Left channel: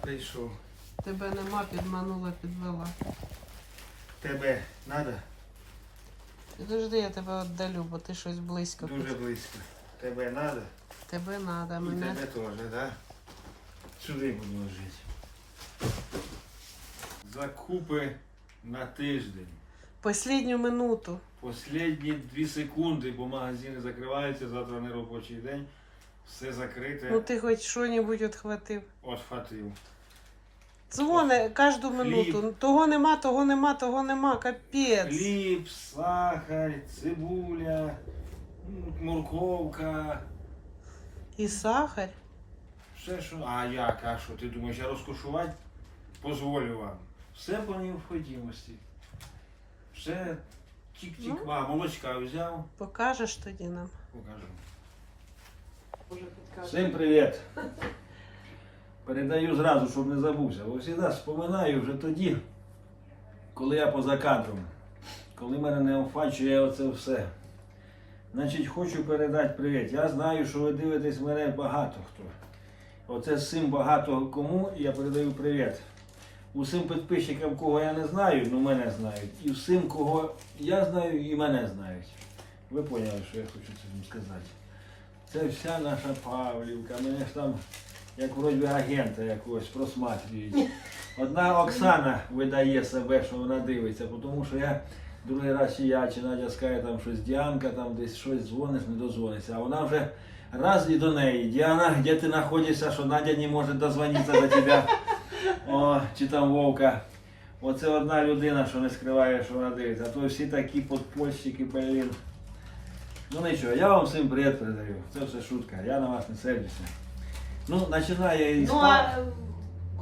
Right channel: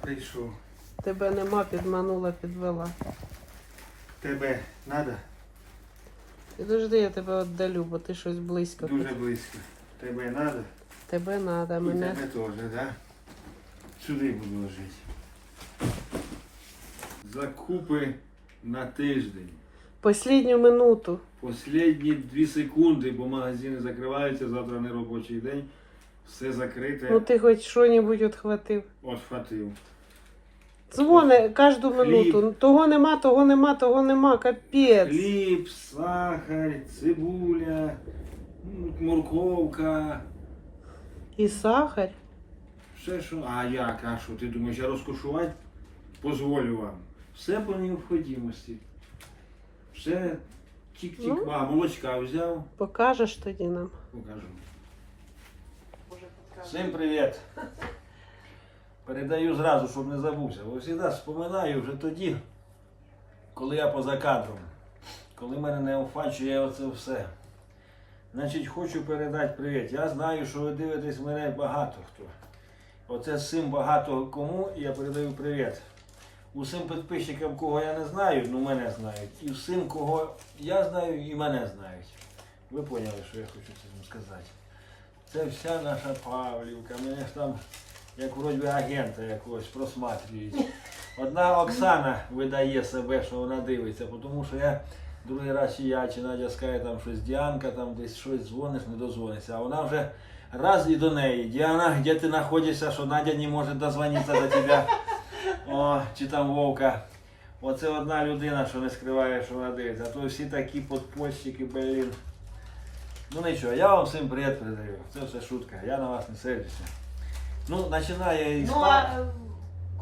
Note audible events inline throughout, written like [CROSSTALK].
Прийшов. Тебе нема, підманула, підвела. Тебе надо? Підожди, я тебе віддалю, бо ти щось близько. Дуже тут. близько. Тебе надо? Тебе І мене. Тебе теж, да? Сюди буду ложити. Закупи на тиждень. Послідню минуту. Последні дві секунди, бо магазини закриваються, завтра не робочий день. Все закрите. Ну ти хоч що-небудь відхватив. От хватив. Дзвони кожну минуту. Того нема, того нема, того нема. Капець. Хліб, сахар, цибуля, морковка. І сахар. Все, що. А як, а що? Ти думаєш, я розкошувати? Позволю вам. Все по необхідності. Все тік-тік. Ну. А, молочка взяв, Покажеш тоді нам. покажу. Всім привіт! Передаю зразу, щоб не забувся. Бо завжди споминаю вже тоді, коли я поза кадром, коли мене не офачує оце все. Значить, хочу передати привіт. Я знаю, що ви дивитесь мене багато хто. Оце цим багато кому я передаю привіт. Усім підписчикам, кого я не знаю, ну мене знають. І всім, кого я знаю, і мене знають. Ви поняли, що я хочу цим сказати. Це вся наша Павлівка. Мене ж там, як вроді агента якогось просматрюють. Одна Оксана видає себе, що вона дивиться, тому що я другий раз я, чи Надя скаже там щось Діанка, там десь щось дзвониш, не дозвониться. А вона вже раз і до неї. Діана, де ти знаходишся, що Надя не може дозвонитися до тебе. О, чи там Вовка. Оце одна людина, що не скриває, що вона дивиться. А то всі такі подпольщики, блін. Ну нічого, я вам всім привіт передаю. Це все шутка, я на вас не сердюся. Ну, починає із Ну, а е,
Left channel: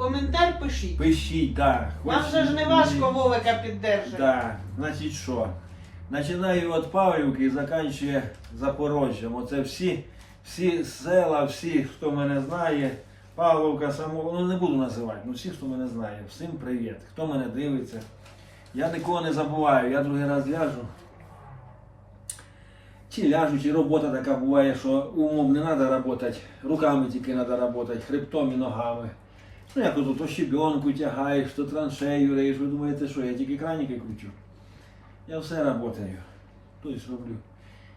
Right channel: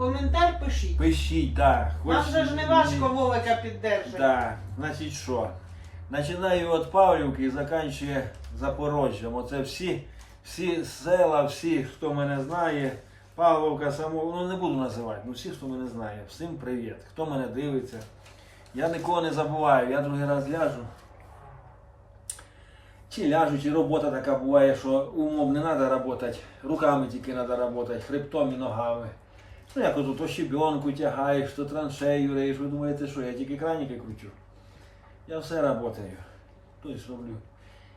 коментар пишіть. Пишіть, так. Нам же ж не важко Вовика піддержати. Так, значить що? Починаю від Павлівки і закінчує Запорожжям. Оце всі, всі села, всі, хто мене знає. Павловка само, ну не буду називати, ну всі, хто мене знає. Всім привіт. Хто мене дивиться. Я нікого не забуваю, я другий раз ляжу. Чи ляжу, чи робота така буває, що умом не треба працювати, руками тільки треба працювати, хребтом і ногами. Ну як тут то щебенку тягаєш, то траншею реєш, ви думаєте, що я тільки краніки кручу. Я все працюю, тобто роблю.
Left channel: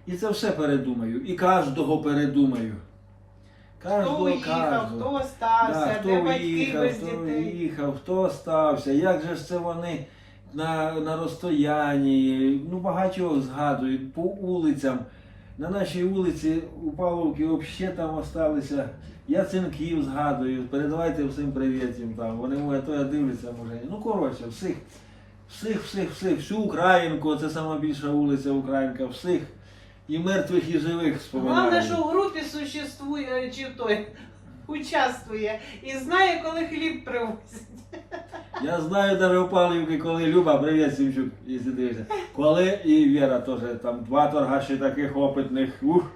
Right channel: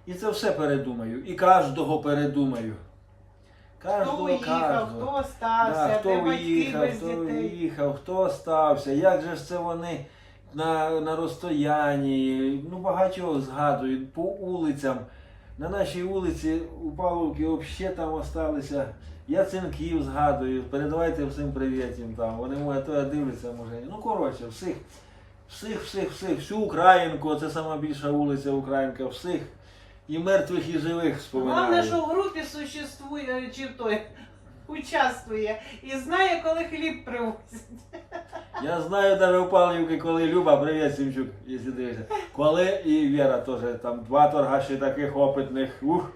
І це все передумаю. І кожного передумаю. Хто Кожного, виїхав, хто остався, Да, хто де батьки виїхав, хто виїхав, хто остався, як же ж це вони на, на розстоянні, ну багатьох згадують, по вулицям. На нашій вулиці у Павловки взагалі там осталися. Яценків згадую, передавайте всім привіт їм там. Вони може то я дивляться, може. Ну коротше, всіх, всіх, всіх, всіх, всю Українку, це сама більша вулиця Українка, всіх. І мертвих, і живих споминаю. Головне, що в групі существує, чи той участвує і знає, коли хліб привозять. Я знаю даже у Павлівки, коли Люба, привіт, Сімчук, якщо дивишся. Коли і Віра теж, там два торгаші таких опитних. Ух,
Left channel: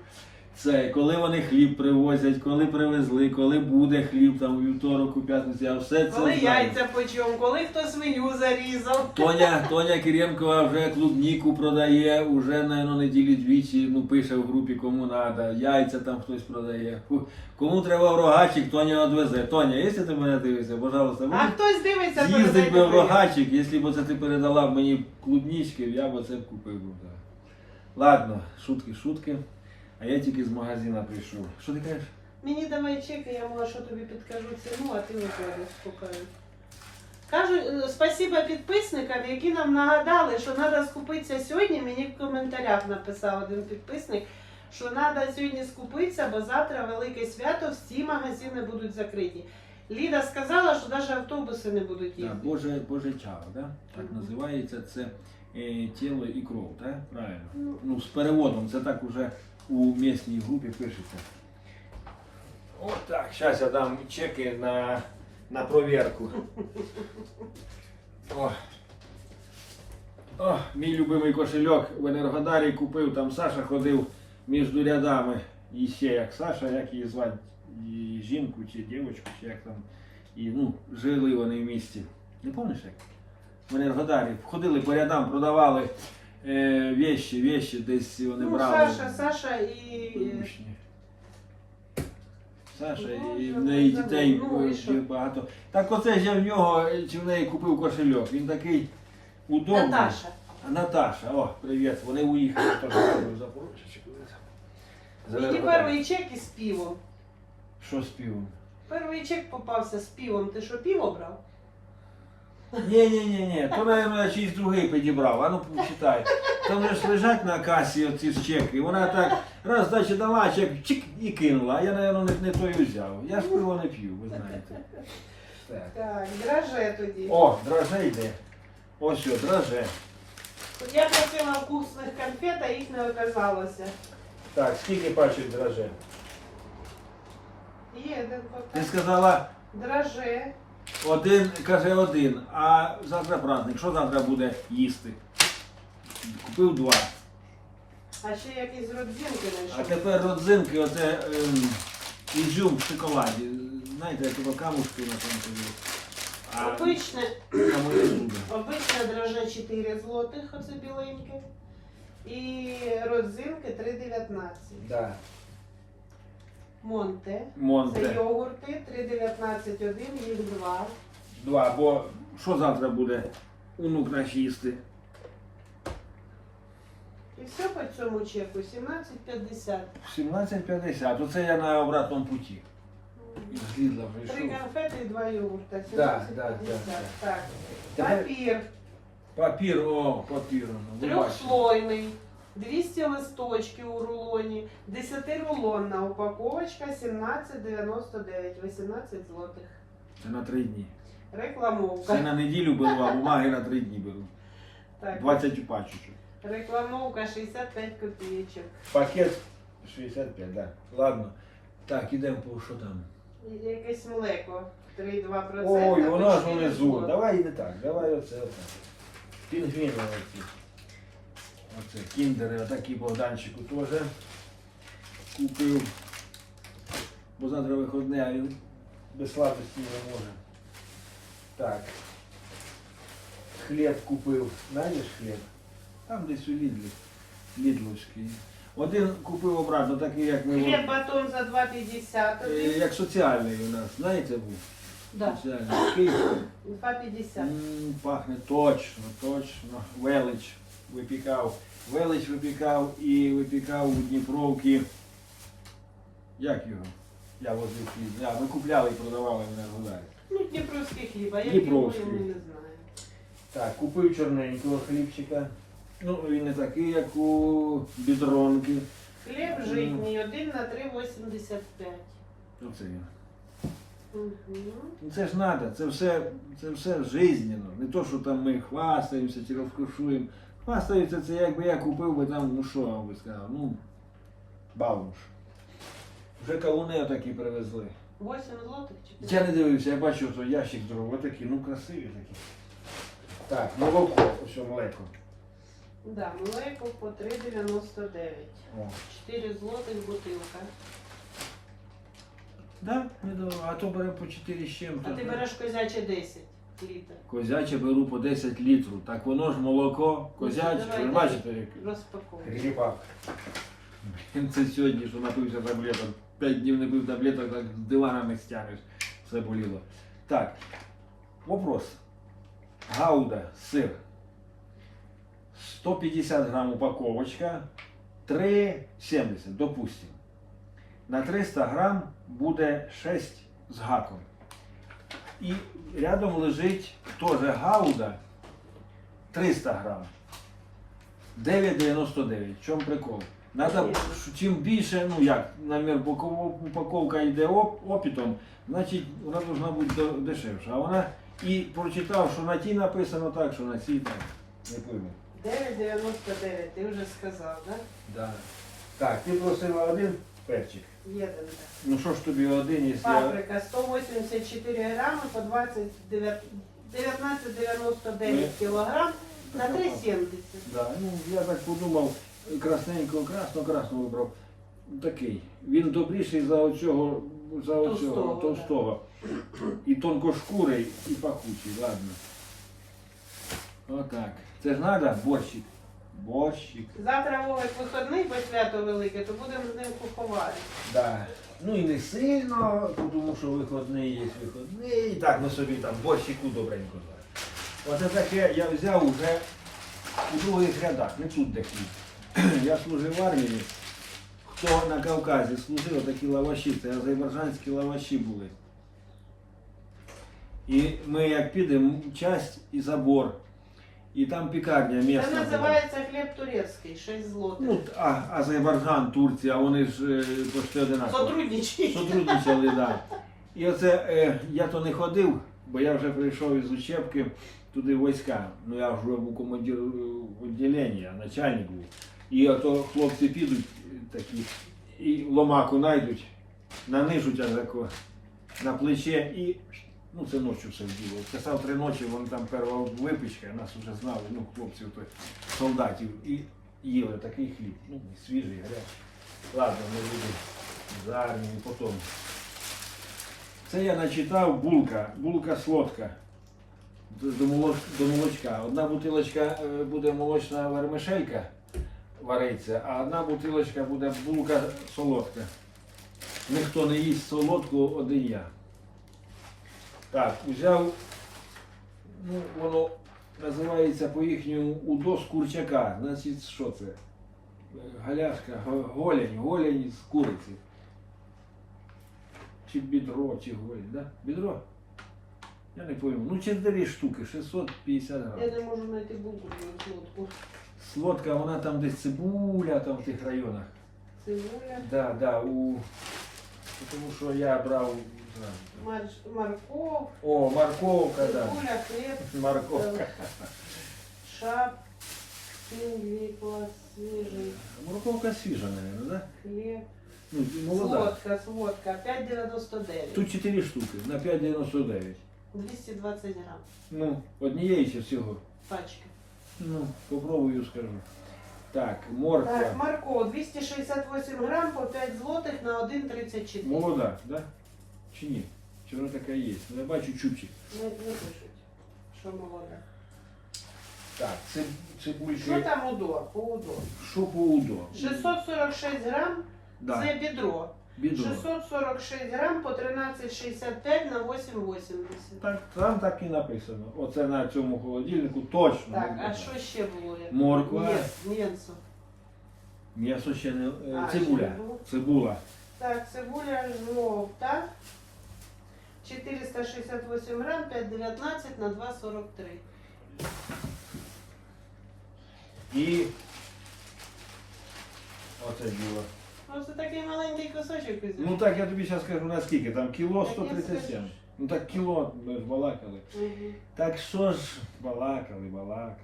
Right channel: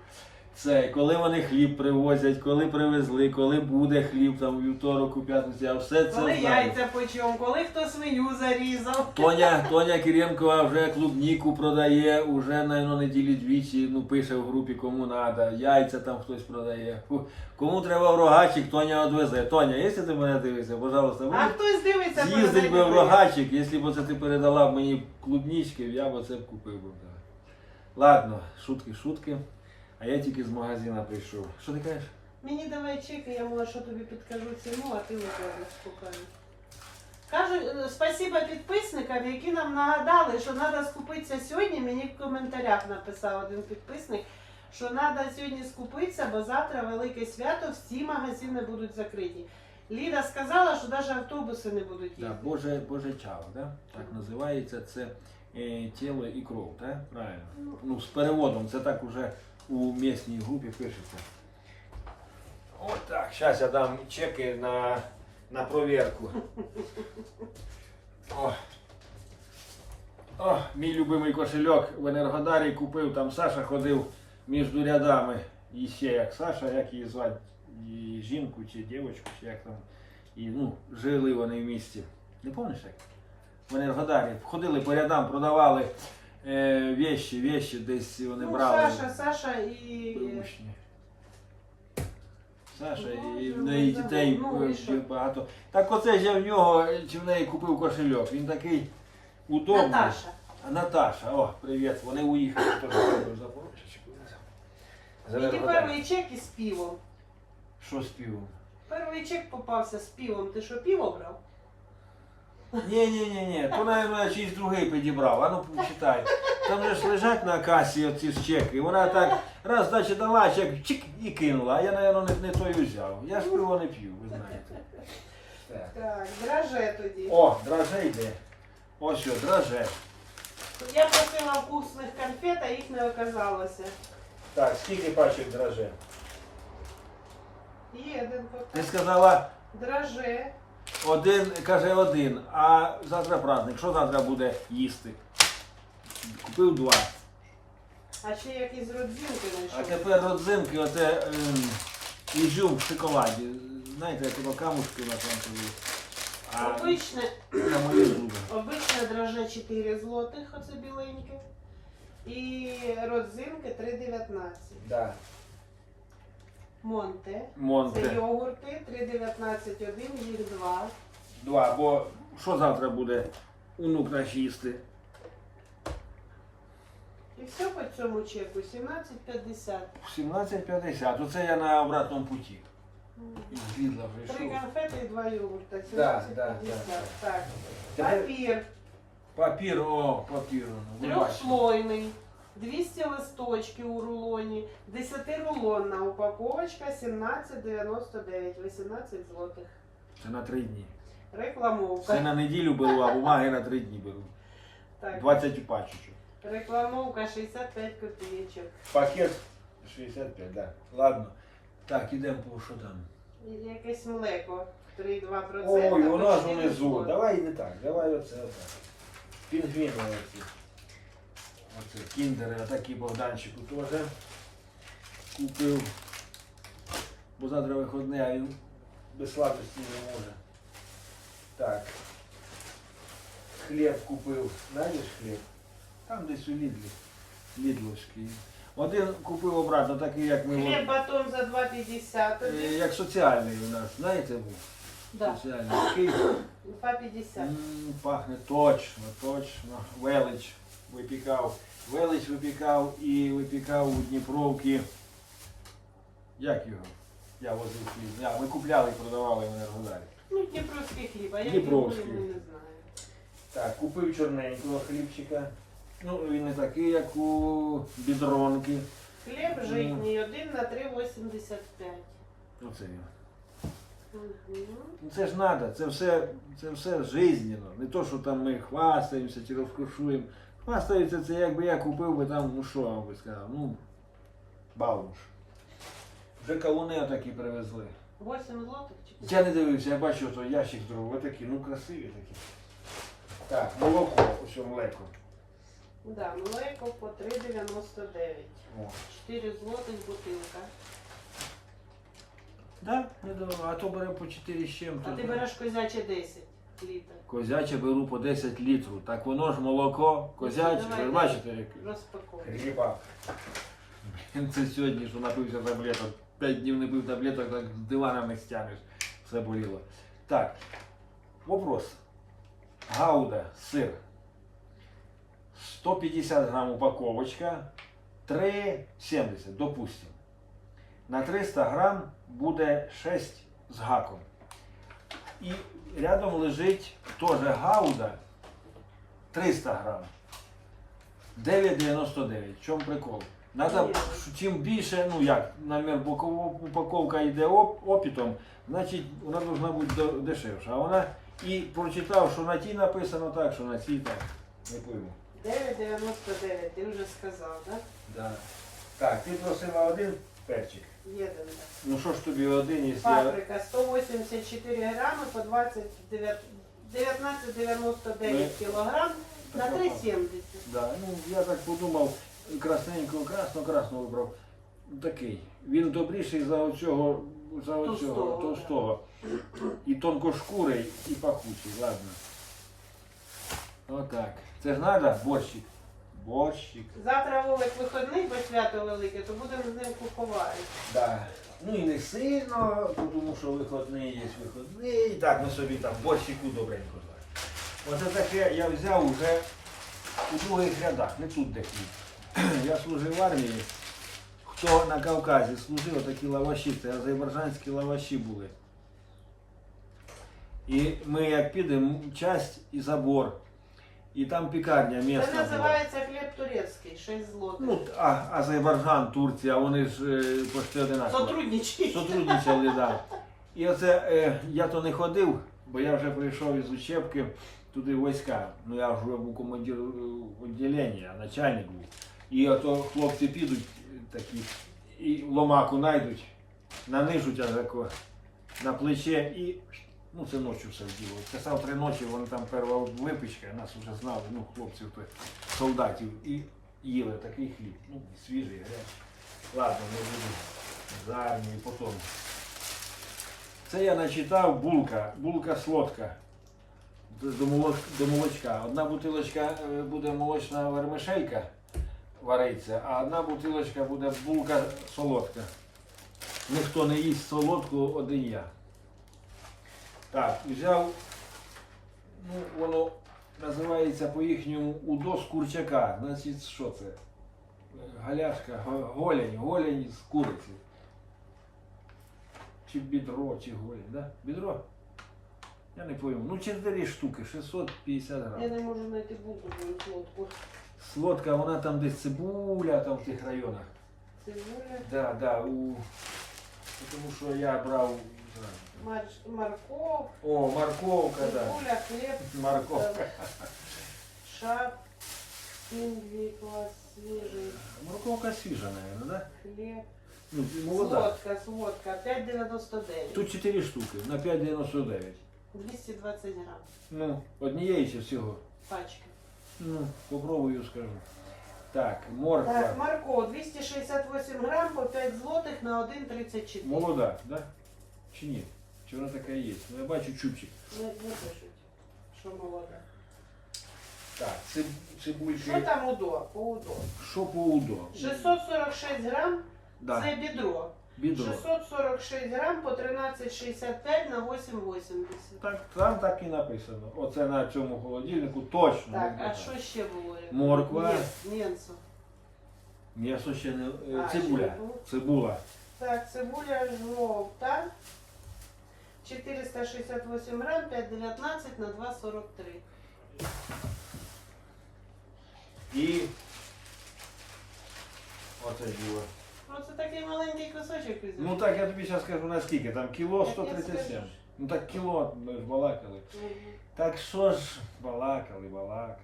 це коли вони хліб привозять, коли привезли, коли буде хліб там у вівторок, у п'ятницю, я все це Коли знаю. яйця печем, коли хто свиню зарізав. Тоня, [LAUGHS] Тоня Киренкова вже клубніку продає, уже, наверное, неділі двічі, ну, пише в групі, кому треба, яйця там хтось продає. Фу. Кому треба в рогачик, Тоня відвезе. Тоня, якщо ти мене дивишся, пожалуйста, А мені хтось дивиться, З'їздить би в рогачик, якщо б це ти передала б мені клубнички, я б це б купив би. да. Ладно, шутки, шутки. А я тільки з магазина прийшов. Що ти кажеш? Мені давай чек, я може тобі підкажу ціну, а ти будеш скупаю. Кажу, е, спасибо підписникам, які нам нагадали, що треба скупитися сьогодні. Мені в коментарях написав один підписник, що треба сьогодні скупитися, бо завтра велике свято, всі магазини будуть закриті. Ліда сказала, що навіть автобуси не будуть Да. Боже, Боже чао, да? так називається це е, тіло і кров, так? Правильно. Ну, з переводом, це так уже у місній групі пишеться. От так, зараз я дам чеки на, на провірку. О. О, мій любимий кошельок в Енергодарі купив, там Саша ходив між рядами. І ще як Саша, як її звати, і жінку чи дівчинку, чи як там. І ну, жили вони в місті. Не пам'ятаєш як? В Енергодарі. Ходили по рядам, продавали е, вещі, вещі, десь вони Ну, брали. Саша, Саша і Бабушні. Саша, і в неї дітей ну, і е, багато. Так оце ж я в нього чи в неї купив кошельок. Він такий удобний. Наташа. А Наташа, о, привіт. Вони уїхали теж в Запорожжя чи куди там. Мені Зеленограді. перший чек із пивом. Що з пивом? Перший чек попався з пивом. Ти що, пиво брав? Ні, ні, ні, ні. То, мабуть, чийсь другий підібрав. А ну почитай. Там же ж лежать на касі оці ж чеки. Вона так раз дачі дала чек, чик і кинула. А я, мабуть, не, не той взяв. Я ж пиво не п'ю, ви знаєте. Так. Так, драже тоді. О, драже йде. Ось що, драже. Я просила вкусних конфет, а їх не оказалося. Так, скільки пачок драже? Є один Ти сказала Драже. Один, каже один, а завтра праздник. Що завтра буде їсти? Купив два. А ще якісь родзинки А тепер родзинки, оце ем, ізюм в шоколаді. Знаєте, як ото камушки на цьому є. А Обичне, обичне драже 4 злотих, оце біленьке. І родзинки 3,19. Да. Монте. Це йогурти 3,19 один, їх два. Два, бо що завтра буде онук наш їсти? І все по цьому чеку 17,50. 17.50. Оце я на обратному путі. Із Лідла Три прийшов. конфети і два йогурта. Да, 17,50. да, да, Так. Тепер Папір. папір, о, папір. ну, Ви бачите. Трьохслойний. 200 листочків у рулоні. 10-рулонна упаковочка 17,99. 18 злотих. Це на три дні. Рекламовка. Це на неділю беру, а бумаги на три дні беру. Так. 20 пачок. Рекламовка 65 копійочок. Пакет 65, да. Ладно. Так, ідемо по що там. Якесь млеко. 3,2%. Ой, ж почти унизу. Давай не так, давай оце отак. Пінгвіни оці. Оце кіндери, отакі Богданчику теж купив. Бо завтра виходне, а він без сладості не може. Так. Хліб купив. Знаєш хліб? Там десь у Лідлі. Лідловський. Один купив обратно, такий, як ми. Хліб батон за 2,50. Е, Як соціальний у нас, знаєте ви? Да. Соціальний. Такий 2,50. м, пахне точно, точно. Велич випікав. Велич випікав і випікав у Дніпровці. Як його? Я возив хліб. А, ми купляли і продавали в Енергодарі. Ну, Дніпровський хліб, а я Дніпровський. не знаю. Так, купив чорненького хлібчика. Ну, він не такий, як у бідронки. Хліб житній, 1 на 3,85. Оце він. Ну це ж надо, це все, це все жизненно. Не то, що там ми хвастаємося чи розкошуємо. Хвастаються, це якби я купив би там, ну що би сказав, ну, баунш. Вже кавуни отакі привезли. 8 злотих чи Я не дивився, я бачив, що ящик здоровий, отакі, ну красиві такі. Так, молоко, ось млеко. Да, млеко по 3,99. О. 4 злотих бутилка. Да, не дорого, а то беремо по 4 з чим-то. А ти береш козяче 10 літрів. Козяче беру по 10 літрів. Так воно ж молоко, козяче, ви ж бачите, яке. Розпаковуй. Грібак. Він це сьогодні, що напився таблеток. П'ять днів не пив таблеток, так з дивана не стягнеш. Все боліло. Так. Вопрос. Гауда, сир. 150 грам упаковочка. 3,70, допустим. На 300 грам буде 6 з гаком. І рядом лежить теж гауда 300 грам. 9,99. В чому прикол? Надо, чим більше, ну як, наприклад, бокова- упаковка йде оп, опітом, значить вона повинна бути дешевша. А вона і прочитав, що на тій написано так, що на цій так. Не пойму. 9,99, ти вже сказав, так? Да. Так, ти просила один перчик. Є. Ну що ж тобі один, якщо я. Паприка 184 грами по 29 19,99 кілограм на 3,70. Да, ну я так подумав, красненького, красно, красно вибрав. Такий. Він добріший за оцього, за оцього, Товстого, да. товстого. І тонкошкурий, і пахучий, ладно. Отак. Це ж треба борщик. Борщик. Завтра Вовик виходний по свято велике, то будемо з ним купувати. Да. Ну і не сильно, тому що виходний є виходний. І так ми собі там борщику добренько зваримо. Оце таке я взяв уже у других рядах, не тут де хліб. [CLEARS THROAT] Я служив в армії. Хто на Кавказі служив, такі лаваші, це азербайджанські лаваші були. І ми як підемо, часть і забор. І там пікарня Це місце. називається хліб турецький, 6 злотих. Ну, а, Азербайджан, Турція, вони ж е, почти одинакові. Сотрудничай. Сотрудничали, да. І оце е, я то не ходив, бо я вже прийшов із учебки туди війська. Ну я вже був командир е, відділення, начальник був. І ото хлопці підуть е, такі і ломаку знайдуть, нанижуть на плече і. Ну, це ночі все діло. Часав три ночі, вони там перша випічка, нас вже знали, ну, хлопців, солдатів, і їли такий хліб. Ну, свіжий, гарячий. Ладно, не буду з армії потім. Це я начитав булка, булка солодка. До, до молочка. Одна бутилочка е, буде молочна вермишелька вариться, а одна бутилочка буде булка солодка. Ніхто не їсть солодку, один я. Так, взяв, ну, воно називається по-їхньому удо з курчака. Значить, що це? Галяшка, голень, голень з куриці. Чи бідро, чи голень, да? Бідро? Я не пойму. Ну, 4 штуки, 650 грамів. Я не можу знайти булку лодку. Солодка, вона там десь цибуля, там в тих районах. Цибуля, Да, да, у... Тому що я брав зразу. марш- морков, О, морковка, да. цибуля, хліб, Морковка. шап, свіжий, свіжий, Морковка свіжа, мабуть, да? хліб. Ну, молода. Солодка, солодка, 5,99. Тут 4 штуки на 5,99. 220 грам. Ну, однієї чи всього. Пачка. Ну, попробую скажу. Так, морква. Так, морков 268 грам по 5 злотих на 1,34. Молода, да? Чи ні? Чи вона така є? Ну, я бачу чубчик. Не, не пишуть, що молода. Так, циб, Що цибульки. там удо? По удо. Що по удо? 646 грам Да, це бідро. бідро. 646 грам по 13,65 на 8,80. Так, там так і написано. Оце на цьому холодильнику точно. Так, а що ще було? Морква. Ні, М'ясо. М'ясо ще не. е, А, Цибуля. ще було? Цибула. Так, цибуля жовта. 468 грам, 5,19 на 2,43. І. Оце діло. Оце такий маленький кусочок візьмеш. Ну так я тобі зараз скажу наскільки. Там кіло Так я 137. скажу. Ну так кіло, ми ж балакали. Мгм. Так що ж балакали, балакали.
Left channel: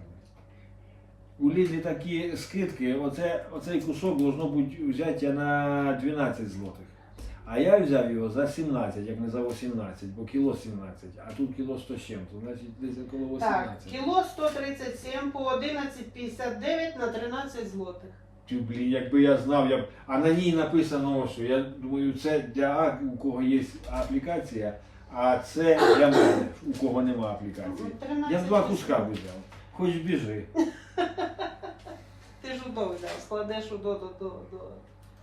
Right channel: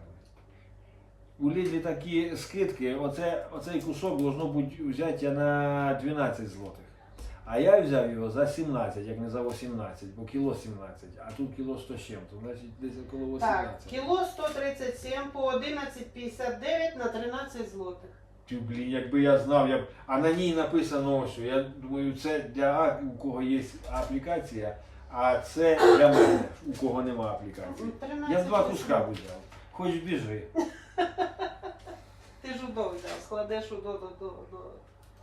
У Лідлі такі скидки, оце, оцей кусок должно бути взяття на 12 злотих. А я взяв його за 17, як не за 18, бо кіло 17, а тут кіло 100 з чим-то, значить десь около Так, 18. кіло 137 по 11,59 на 13 злотих. Тю, блін, якби я знав, я б. А на ній написано ось що. Я думаю, це для А, у кого є аплікація, а це для мене, у кого нема аплікації. Ну, 13 Я б два куска б взяв. Хоч біжи. [LAUGHS] Ти ж удо взяв, складеш удо до, до, до.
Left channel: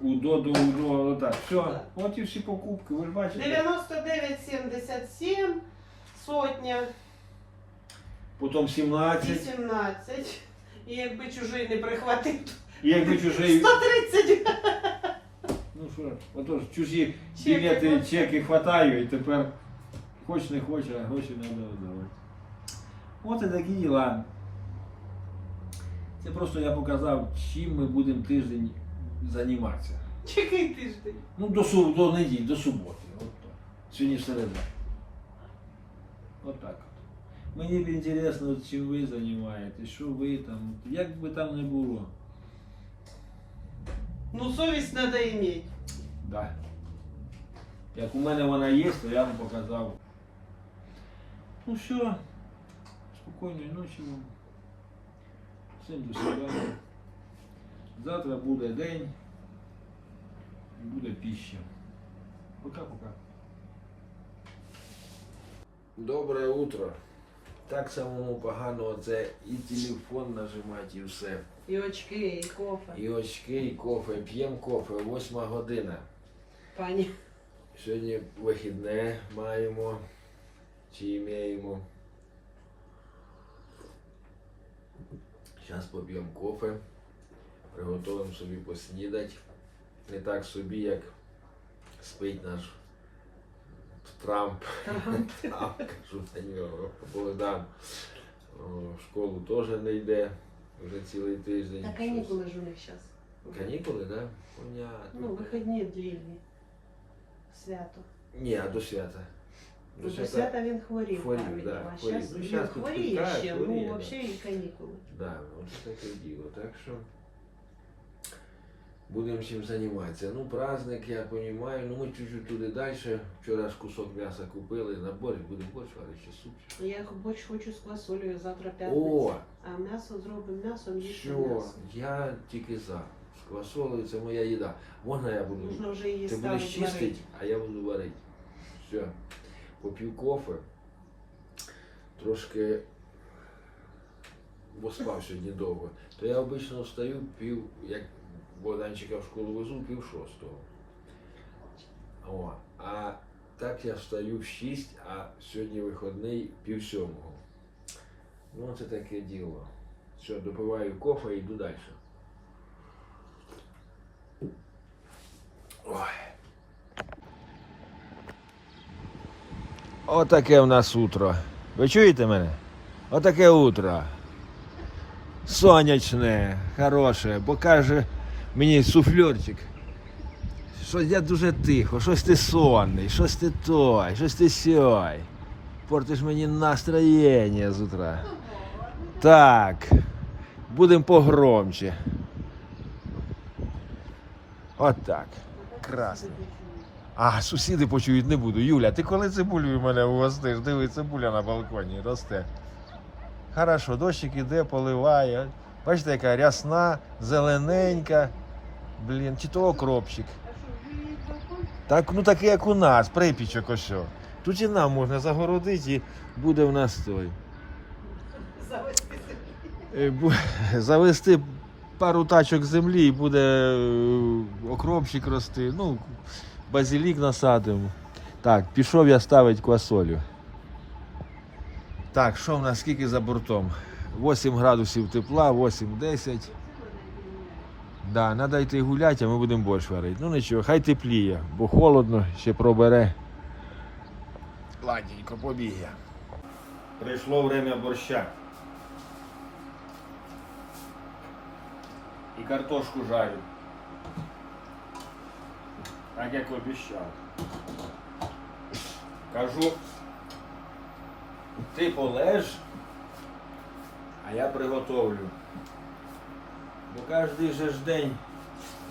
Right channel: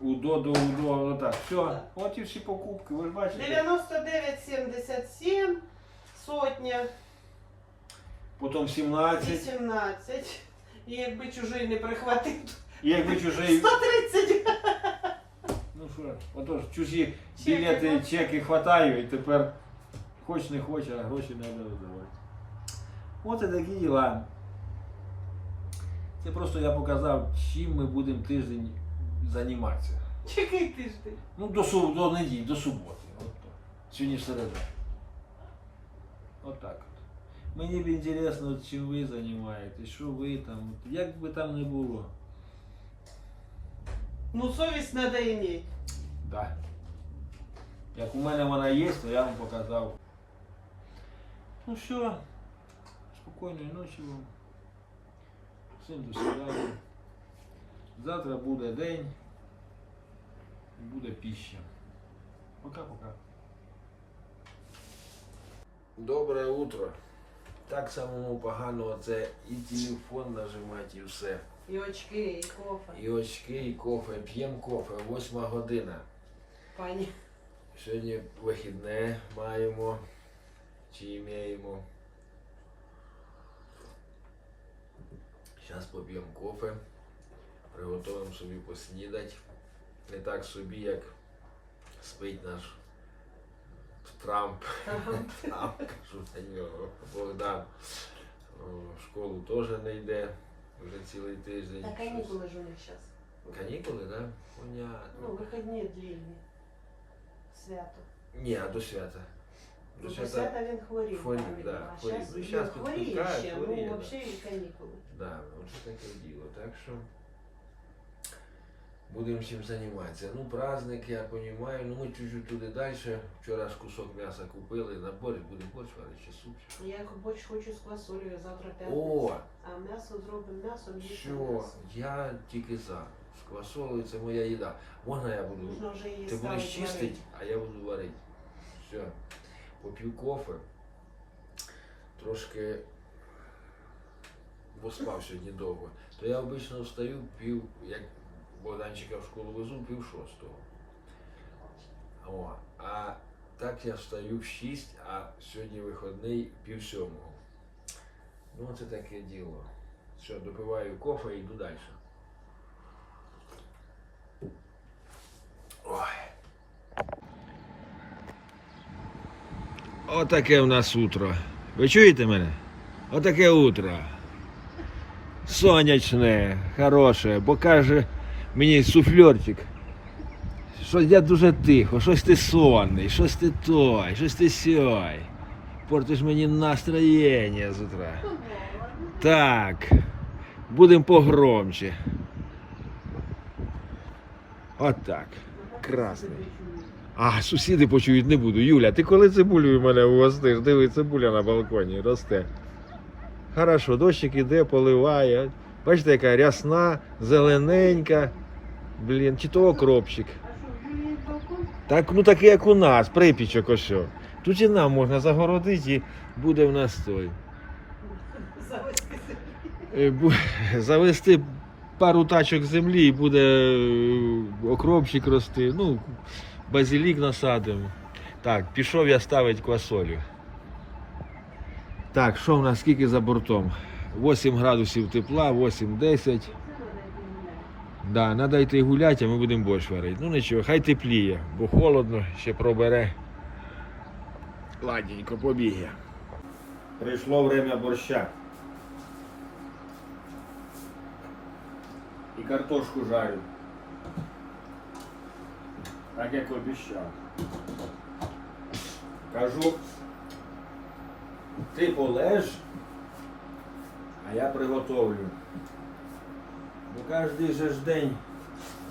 Удо до удо, отак. Все, Так. от і всі покупки, ви ж бачите. 99,77, сотня, Потім 17. 18. І якби чужий не прихватив, то І якби чужий. 130 Ну що, отож, чужі Чеки, білети, чеки хватаю, і тепер хоч не хоч, а гроші треба видавати. От і такі діла. Це просто я показав, чим ми будемо тиждень займатися. Який тиждень? Ну, до, суб, до неділі, до суботи. От так. Сьогодні середа. От так от. Мені б інтересно, чим ви займаєтесь, що ви там, як би там не було. Ну, совість треба иметь. Да. Як у мене вона є, то я вам показав. Ну все, спокійної ночі вам. Всім до свидання. Завтра буде день. Буде піща. Пока-пока. Добре утро. Так самому погано це і телефон нажимати, і все. І очки, і кофе. І очки, і кофе. П'ємо кофе, восьма година. пані. Сьогодні вихідне маємо чи маємо. Зараз поп'ємо кофе, приготуємо собі поснідати. Не так собі, як спить наш Трамп. Трамп, кажу на нього. Богдан о, в школу теж не йде вже цілий тиждень. Та Щось- канікули ж у них зараз. Канікули, так? Да? Понятно. Ну, вихідні длинні. Свято. Ні, а до свята. Ну, До свята він хворів. Хворів, пам'ятаю. да, А хворів. щас Ну, він щас хворіє підпускають, ще, хворіє, ну, да. взагалі і канікули. Да, от таке діло. Так що будемо чим займатися. Ну, праздник, я розумію. Ну, ми чуть-чуть туди далі. Вчора ж кусок м'яса купили на борщ, будемо борщ варити чи супчик. Я борщ хочу з квасолею завтра п'ятниця. О, А м'ясо зробимо м'ясом, їсти що? м'ясо. Я тільки за. З квасолею це моя їда. Можна я буду? Можна вже її Ти будеш чистити, а я буду варити. Все. Поп'ю кофе. Трошки бо спав сьогодні довго. То я обично встаю пів, як Богданчика в школу везу, пів шостого. О, а так я встаю в шість, а сьогодні виходний пів сьомого. Ну, це таке діло. Все, допиваю кофе і йду далі. Ой. Отаке в нас утро. Ви чуєте мене? Отаке утро. Сонячне, хороше, бо каже мені суфльорчик. Що я дуже тихо, щось ти сонний, щось ти той, щось ти сьой. Портиш мені настроєння з утра. Так, будемо погромче. Отак. Красний. А, сусіди почують не буду. Юля, ти коли цибулею мене угостиш? Диви, цибуля на балконі росте. Хорошо, дощик іде, поливає. Бачите, яка рясна, зелененька. Блін, чи то окропчик. Так, ну такий, як у нас, припічок ось. Тут і нам можна загородити і буде в нас той. Е, [LAUGHS] Завести пару тачок землі і буде е, окропчик рости. Ну, базилік насадимо. Так, пішов я ставити квасолю. Так, що в нас скільки за бортом? 8 градусів тепла, 8-10. Да, треба йти гуляти, а ми будемо борщ варити. Ну нічого, хай тепліє, бо холодно, ще пробере. Ладненько, побіг я. Прийшло время борща. І картошку жарю. Так як обіцяв. Кажу, ти полеж, а я приготовлю. Ну кожен же ж день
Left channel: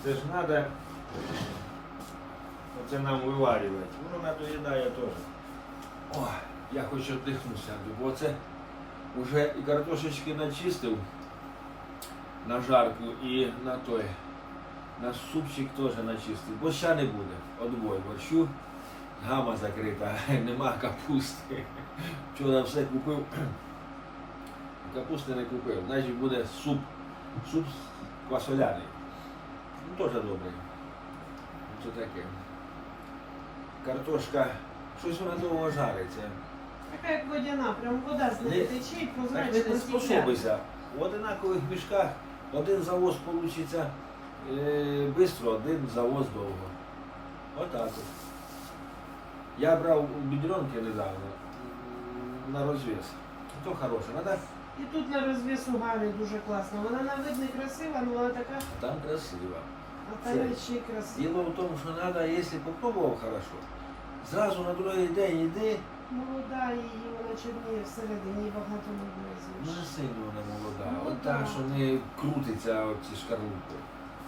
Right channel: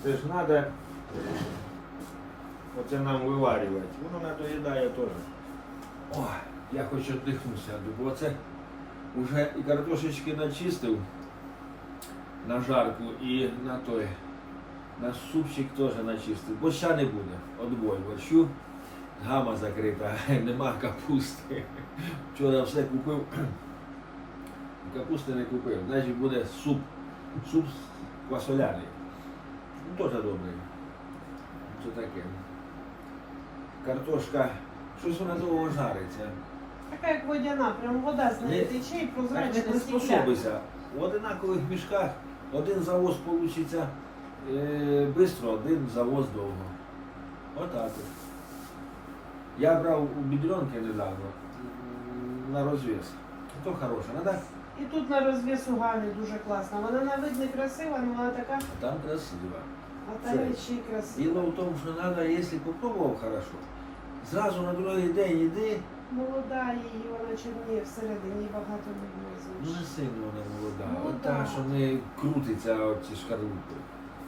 це ж треба оце нам виварювати. Воно надоїдає теж. О, я хоч віддихнуся, бо це вже і картошечки начистив на жарку і на той. На супчик теж начистив. Борща не буде. Отбой борщу. Гама закрита, [LAUGHS] нема капусти. Вчора все купив. [CLEARS THROAT] Капусти не купив. Значить буде суп. Суп квасоляний. Ну, теж добрий. Це таке. Картошка. Щось вона довго жариться. Така як водяна, прям вода з неї Не- тече і Так не прозрачно приспособися. В одинакових мішках один завоз вийде е, швидко, один завоз довго. Отак от. Я брав у бідронки недавно м, на розв'яз. То хороше, надо? І тут на розвісу Галі дуже класно. Вона на вид не красива, але вона така, А там красиво. а та Це- речі красива. Діло в тому, що треба, якщо попробував хорошо, зразу на другий день йди, Молода її, вона чорніє всередині, багато не ну не сильно вона молода. Ну, От та, так. що не крутиться от ці шкарлупи.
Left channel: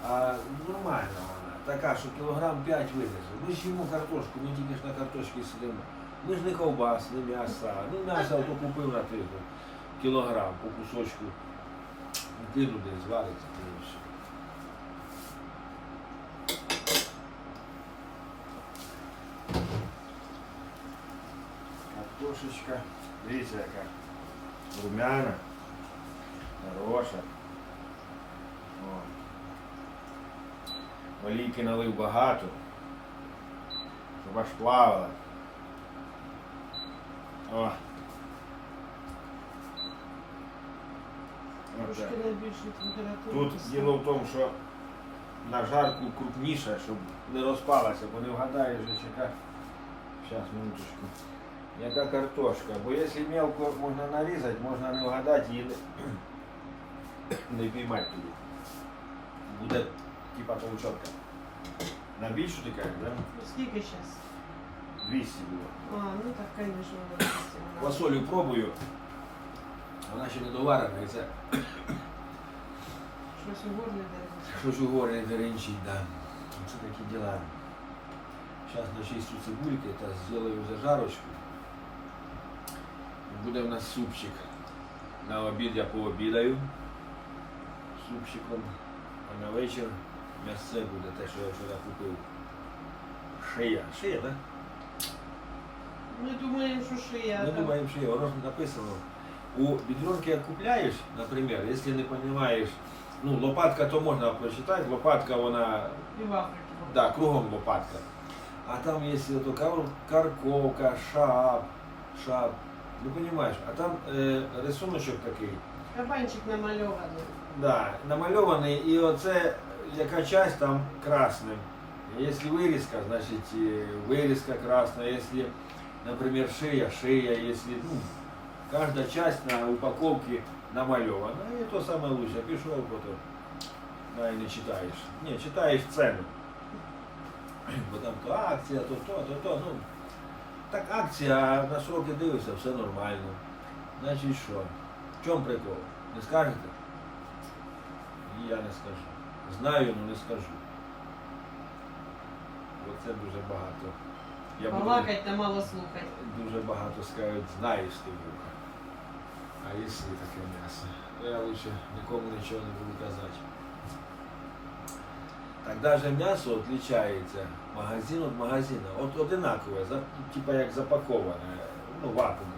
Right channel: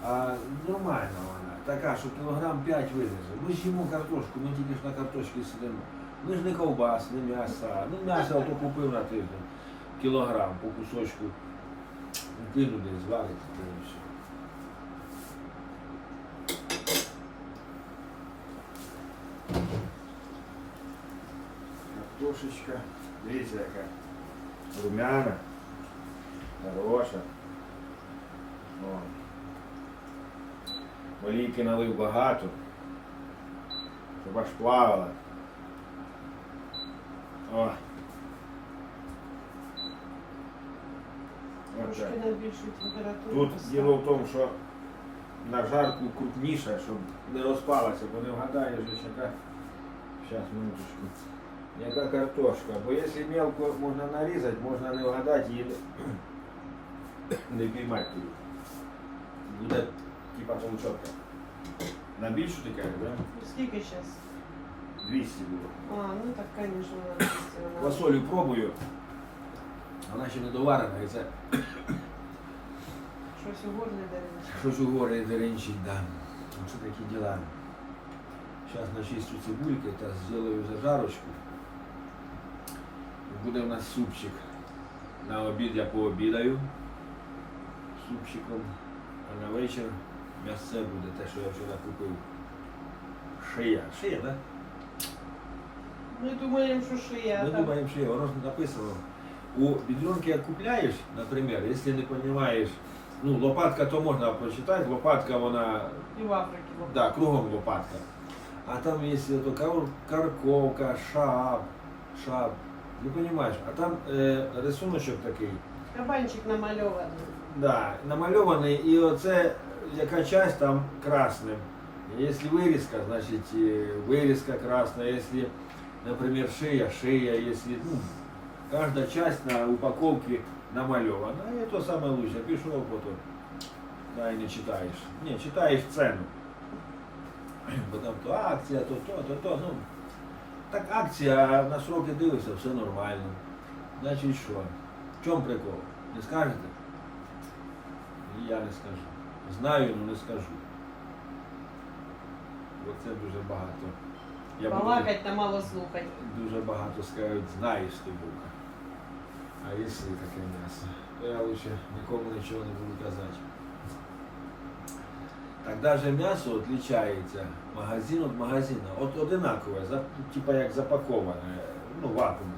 А нормальна вона, така, що кілограм 5 видержить. Ми ж їмо картошку, ми тільки ж на картошці сидимо. Ми ж не ковбас, не м'яса. Ну м'ясо ото купив на тиждень. Кілограм по кусочку. Кину десь все. Картошечка, дивіться яка румяна, хороша. О. Олійки налив багато. щоб аж плавала. О. Трошки температуру. Тут діло в тому, що на жарку крупніше, щоб не розпалася, бо не вгадаєш, яка. Зараз, минуточку. Яка картошка. Бо якщо мелко можна нарізати, можна не вгадати і не, не піймати тоді. Буде типа толчотка. На більшу ти кажеш, да? Скільки зараз? 200 було. А, ну так, звісно. Квасолю пробую. Вона ще не доварена і це Щось у горлі дерев'яне. Щось у горлі деренчить, да. Оце такі діла. Зараз начистю цибульки та зроблю зажарочку. Буде в нас супчик. На обід я пообідаю супчиком, а на вечір м'ясце буде те, що я вчора купив. Шия. Шия, так? Ми думаємо, що шия. Ми думаємо, що є. Воно ж написано. У бедренке як купляєш, наприклад, якщо не розумієш, ну, лопатка то можна прочитати, лопатка вона. Да, кругом лопатка. А там есть это карковка, шап, шап. Ну понимаешь, а там е, рисуночок такий, Кабанчик намальований. да, намальований, і оце яка часть там красним. Якщо вирізка, значить е, вирізка красна, якщо, наприклад, шия, шия, якщо, ну, каждая часть на упаковке намальована. І то саме лучше, пішов потім. Да, і не читаєш. Ні, читаєш ціну. Бо [CLEARS THROAT] там то акція, то то, то то. Ну, так акція, а на сроки дивишся, все нормально. Значить що? В чому прикол? Не скажете? І я не скажу. Знаю, але не скажу. Бо це дуже багато. Я буду- та мало слухати. Дуже багато скажуть, знаєш ти Бука. А якщо таке м'ясо, то я лише нікому нічого не буду казати. Так навіть м'ясо відрізняється магазин від магазину. От одинакове, за- типа як запаковане, ну вакуумне.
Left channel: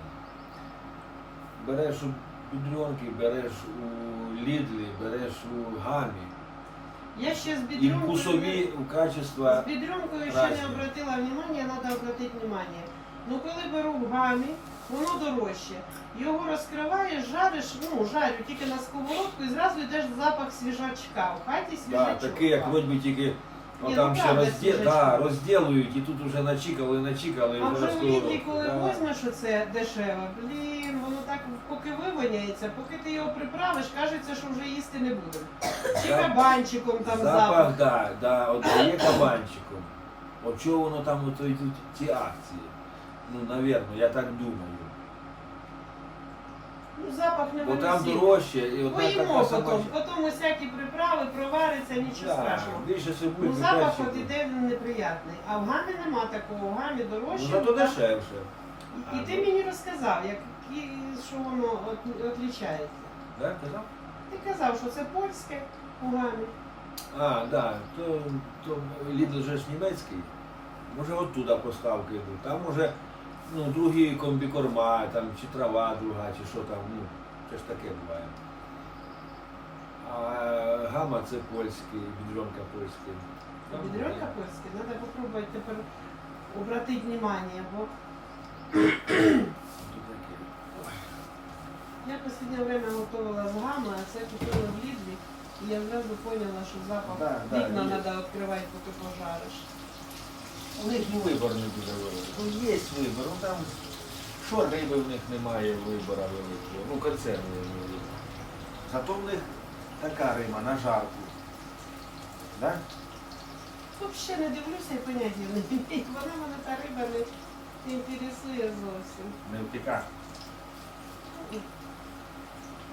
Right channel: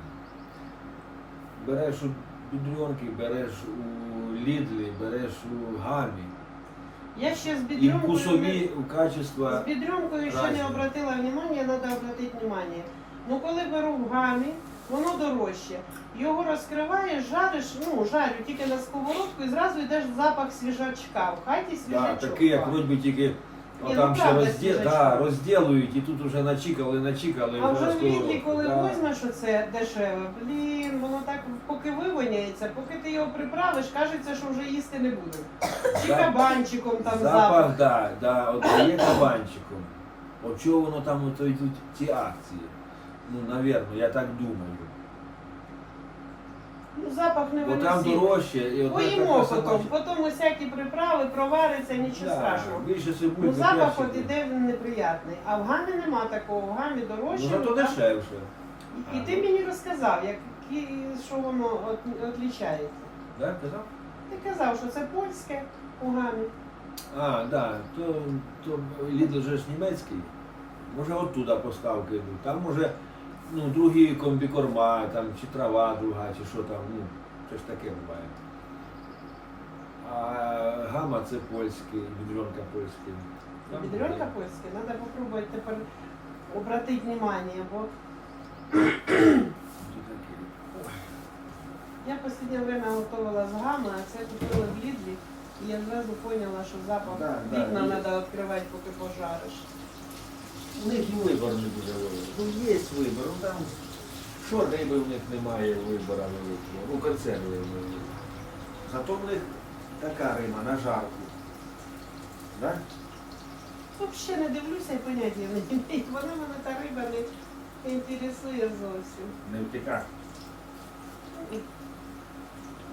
Береш у бідрюнки, береш у Лідлі, береш у Гамі. Я ще з І вкусові у качества. З бідрюмкою ще разні. не обратила внимание, треба обратити внимание. Ну коли беру в гамі, воно дорожче. Його розкриваєш, жариш, ну жарю тільки на сковородку і зразу йдеш запах свіжачка. В хаті Да, свіжачок. такий, як вроді би тільки Ні, там ну, ще правда, розді... свіжачок. да, розділують і тут вже начікали, начікали. А вже вже в сковородку. коли Да. візьмеш оце дешеве, блін, воно так поки вивоняється, поки ти його приправиш, кажеться, що вже їсти не будемо. Чи кабанчиком там запах. Запах, да, да, от є кабанчиком. От чого воно там ото йдуть ті акції? Ну, навірно, я так думаю. Ну, запах не Бо там дорожче і одна Поїмо така сама. потім, потім усякі приправи провариться, нічого Да, страшного. більше Ну, цибульки, запах перчику. от іде він неприятний. А в гамі нема такого, в гамі дорожче. Ну, зато так. дешевше. І, ти мені розказав, як, і, що воно от- відрізняється. Да, казав? Ти казав, що це польське у гамі. А, да, то, то Lidl же ж німецький. Може оттуда поставки йдуть. Там може ну, другі комбікорма, там, чи трава друга, чи що там, ну, це ж таке буває. А гама це польський, бідренка польський. Там Бідренка є. треба попробувати тепер обратити внимание, бо я в останнє время готувала з гами, а це купила в Лідлі, і я зразу поняла, що запах Да, да, вікна є. треба відкривати, поки пожариш. У них і вибор не дуже великий. Ну, є вибор. Ну, там, що риби в них немає вибору великого. Ну, консерви великі. Зато в них така риба на жарку. Да? Взагалі не дивлюся і поняття не маю. Вона мене та риба не інтересує зовсім. Не втікаш.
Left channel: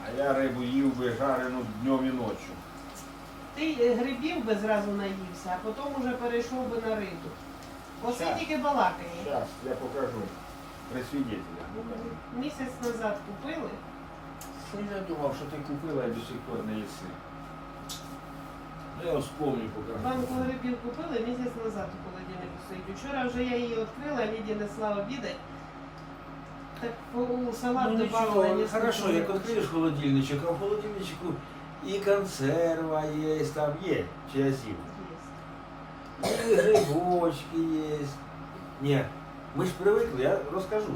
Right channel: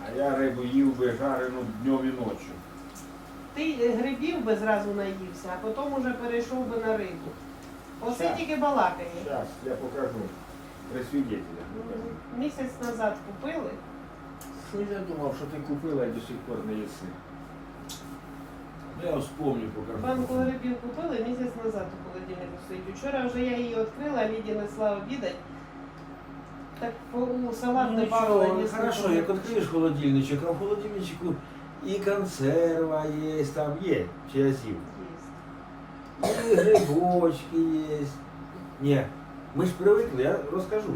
А я рибу їв би жарену днем і ночі. Ти грибів би зразу наївся, а потім уже перейшов би на рибу. Оце Так. тільки. Зараз я покажу. При свідетелях покажу. Місяць назад купили. Що я думав, що ти купила і до сих пор не їси. Ну я вспомню покажу. Банку грибів купили, місяць назад у холодильнику стоїть. Вчора вже я її відкрила, Ліді несла обідать. Так у салат Ну добавила нічого, несколько хорошо, як грибів. відкриєш холодильничок, а в холодильничку і консерва є, там є, чи я з'їв. Є. І грибочки є. Ні. Ми ж привикли, я розкажу.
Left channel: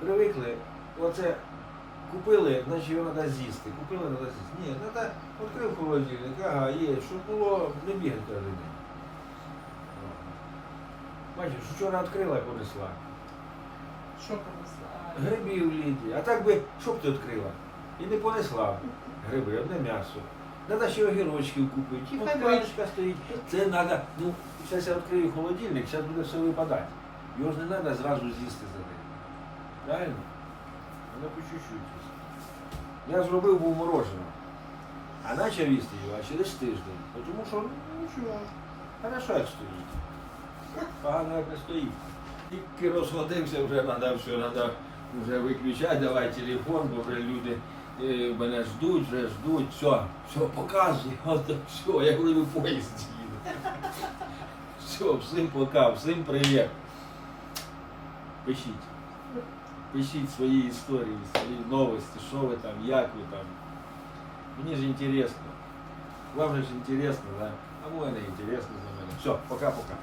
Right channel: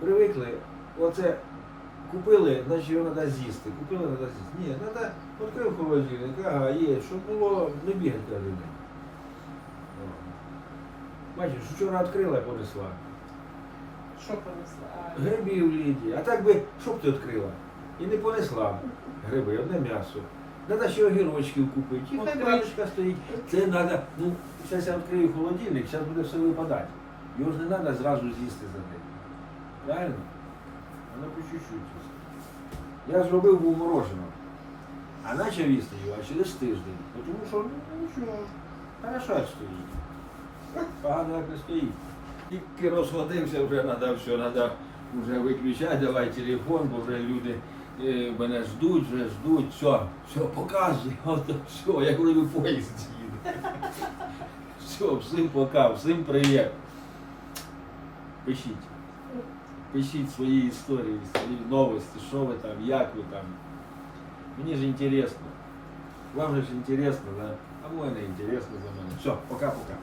Привикли. Оце купили, значить його треба з'їсти. Купили, треба з'їсти. Ні, треба відкрив холодильник, ага, є, щоб було не бігати кожен день. Бачиш, вчора відкрила і понесла. Що понесла? Грибів літі. А так би, що б ти відкрила? І не понесла гриби, одне м'ясо. Треба ще огірочків купити. І хай баночка стоїть. Це треба, ну, зараз я відкрию холодильник, зараз буде все випадати. Його ж не треба зразу з'їсти за день. Правильно? Воно по чуть-чуть. Я зробив був мороженого. А почав їсти його а через тиждень. Тому що, ну нічого, хорошо як стоїть. Погано як не стоїть. Тільки розходився, вже треба все, треба вже виключати, давай телефон, бо вже люди е, мене ждуть, вже ждуть, все, все, показуй, [LAUGHS] от, все, я говорю, поїзд їду. [LAUGHS] Все, всім пока, всім привіт. Пишіть. Пишіть свої історії, свої новості, що ви там, як ви там. Мені ж інтересно. Вам же ж інтересно, да? А мені не інтересно за мене. Все, пока-пока.